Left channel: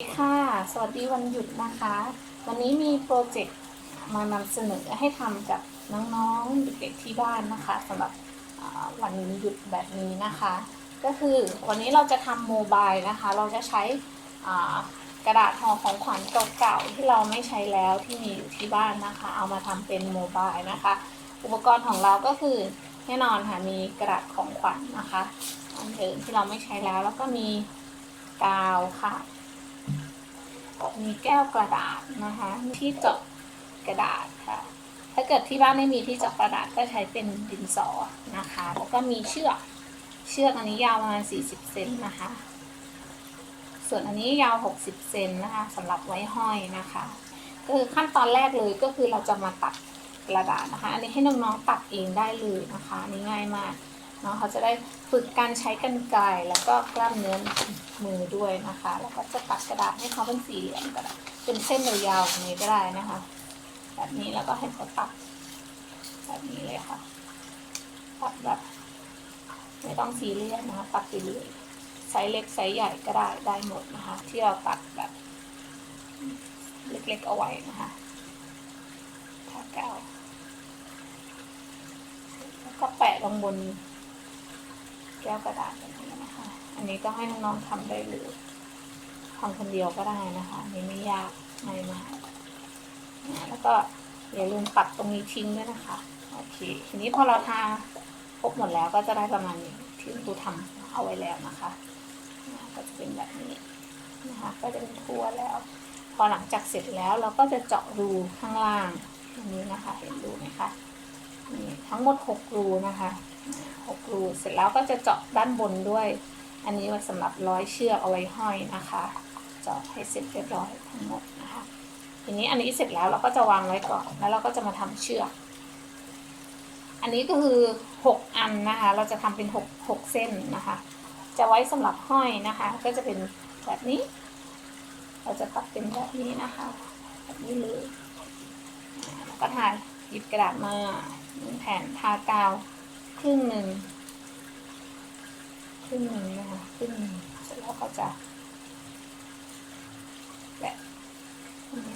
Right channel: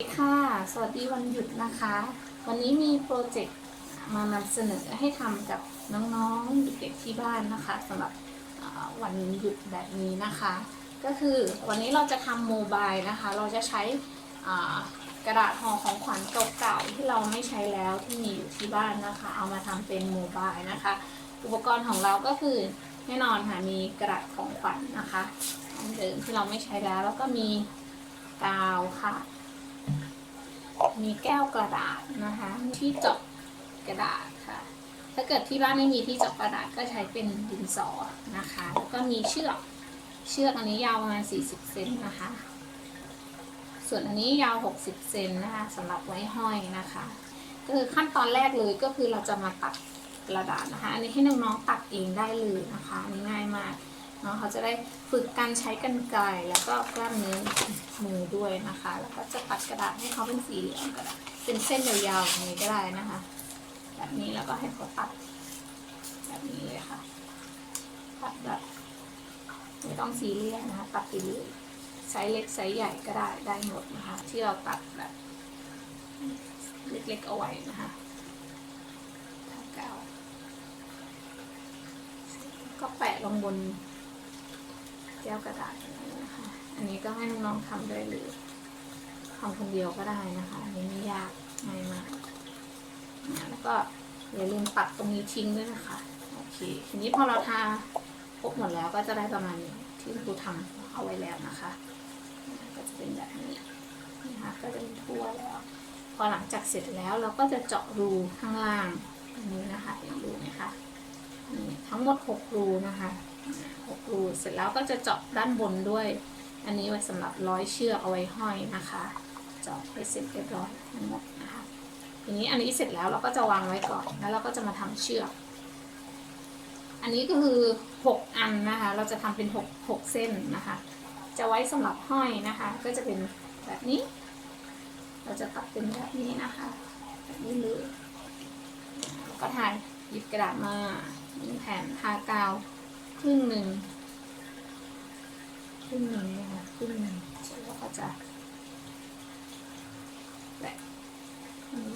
ค่ะ สวัสดีวันหยุดนะคะ วันนี้มีโปรเจกต์มานำเสนอให้ทำกับน้องๆเด็กๆที่บ้านนะคะสำหรับวันหยุดแบบนี้นะคะ ก็คือวันนี้เราจะทำโมบายนะคะ เราจะใช้กระดาษห่อของขวัญเก่าๆที่เราไม่ใช้แล้วที่มีอยู่ที่บ้านนะคะ เอามาทำเป็นโมบายนะคะ อุปกรณ์ของเราก็คือแน่นอนค่ะ มีกระดาษของขวัญนะคะอันเดิมที่เราไม่ใช้แล้วแล้วก็มีกาวค่ะ มีแก้วกระดาษนะคะ ที่เจาะกระดาษค่ะ ถ้าเกิดที่บ้านไม่มีที่เจาะกระดาษก็ใช้เป็นดินสอนะคะ แล้วก็มีเชือกเชือกอันนี้ยาวประมาณ 40 เซนนะคะ ส่วนอันนี้ยาว 60 เซนนะคะสำหรับไว้ห้อยนะคะก็คือขั้นตอนแรกเลยก็คือเราจะมาตัดกระดาษนะคะ อันนี้ให้น้องๆตัดเองได้เลยนะคะนนี้ง่ายมาก เนาะเขาจะได้ฝึกการใช้กรรไกรแล้วก็กล้ามเนื้อมือด้วยนะคะ แล้วก็จะตัดกระดาษให้เขาเป็นสี่เหลี่ยมก็ได้เป็นเส้นยาวๆอย่างนี้ก็ได้นะคะ แบบนี้แล้วก็ให้เขาตัด แบบนี้เลยค่ะ ตัดแบบไม่ต้องซีเรียสนะคะ ตัดไปเลยไซส์เล็กไซส์ใหญ่ก็ได้ได้หมดนะคะ ที่เราตัดแบบเล็กๆเอาไว้นะคะทาแก้วแล้วก็แปะลงบน ก้วกระดาษแบบนี้นะคะ อันนี้ก็ให้น้องๆทำได้เลยทำคนเดียวก็ได้นะคะนนี้ไม่ยากง่ายมากนะแล้วก็อย่าลืมตัดตรงนี้ทิ้งด้วยนะคะ โอเค ทีนี้พอเราทาครบหมดแล้วก็จะได้ประมาณนี้ที่ครูทำเอาไว้แล้วนะคะ ก็จะเป็นแบบนี้นะคะ ก็จะเป็นทั่วแล้ว พอหลังจากเสร็จแล้วเราก็จะเจาะรูข้างล่างอันนี้นะคะ เห็นรูไหมคะนี่ทั้งหมดหกรูนะคะ หกรูเสร็จแล้วก็จะเจาะด้านบนด้วย อันนี้ไว้สำหรับร้อยเชือกเอาไว้ห้อยนะคะ เจาะให้เสร็จเรียบร้อยทั้งหมดนะคะทีนี้อันนี้เสร็จแล้วเราก็จะวางไว้ก่อนแล้วเราก็จะมาทำเชือก อันนี้ก็คือหกอันนะคะ เราจะทำเป็นหกหกเส้นนะคะ จะไว้สำหรับห้อยนะคะ ก็จะเป็นแบบนี้ เราจะตัดเป็นแบบนี้นะคะ แบบนี้เลยแล้วก็ทาหยิบกระดาษมาหนึ่งแผ่นทากาว ครึ่งหนึ่งครึ่งหนึ่งนะคะครึ่งหนึ่งเสร็จแล้วก็จะแปะ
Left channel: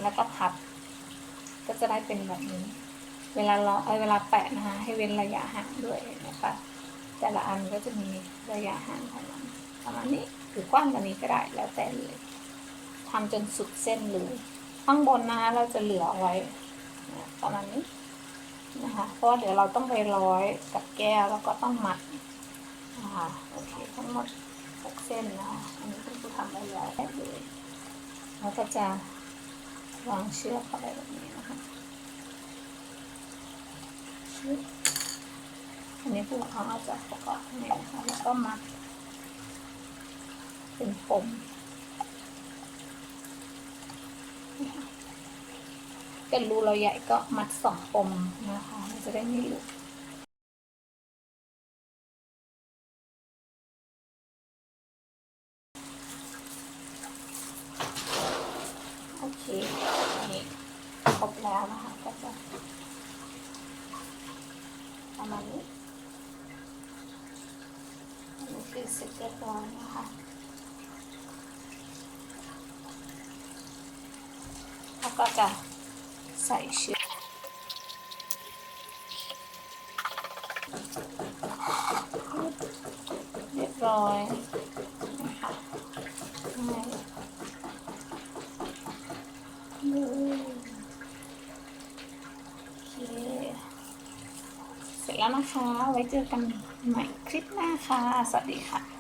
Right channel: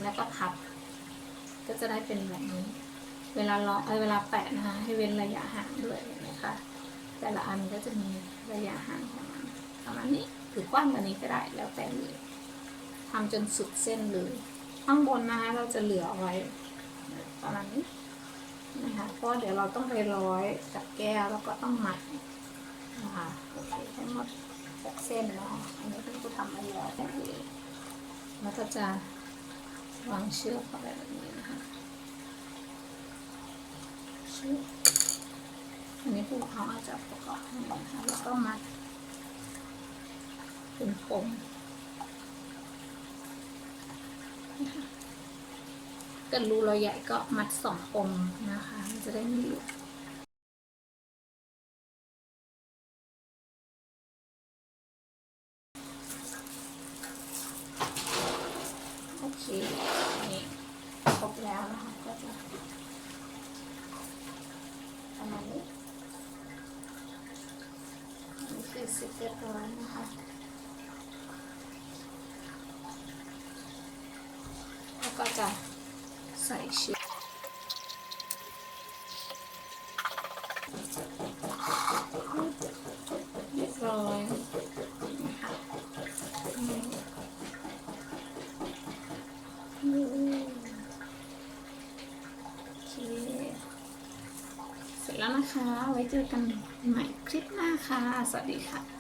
แล้วก็พับ ก็จะได้เป็นแบบนี้ เวลาเราเอ้เวลาแปะนะคะ ให้เว้นระยะห่างด้วยเห็นไหมคะแต่ละอันก็จะมีระยะห่างของมันประมาณนี้หรือกว้างกว่านี้ก็ได้แล้วแต่เลยทำจนสุดเส้นเลยข้างบนนะคะเราจะเหลือเอาไว้ประมาณนี้ นะคะเพราะเดี๋ยวเราต้องไปร้อยกับแก้วแล้วก็ต้องมัดนะคะโอเคทั้งหมดหกเส้นนะคะอันนี้คุณครูทำไว้แล้วได้เลยแล้วก็จะวางเชือกเข้าไปแบบนี้นะคะอันนี้ผู้ปกครองอาจจะประกอบให้นะคะแล้วก็มัดเป็นปมนะคะ เป็นรูเราใหญ่ก็มัดสองปมนะคะ มันจะได้ไม่หลุดโอเค นี่ครบแล้วนะคะ ก็จะ ประมาณนี้นนี่คือเสร็จเรียบร้อยนะคะแล้วก็จะ ใส่เชือเรียบร้อยนะคะง่ายอืมโอเคเสร็จแล้วนะคะ ไว้เจอกันใหม่คลิปหน้าค่ะ สวัสดีค่ะ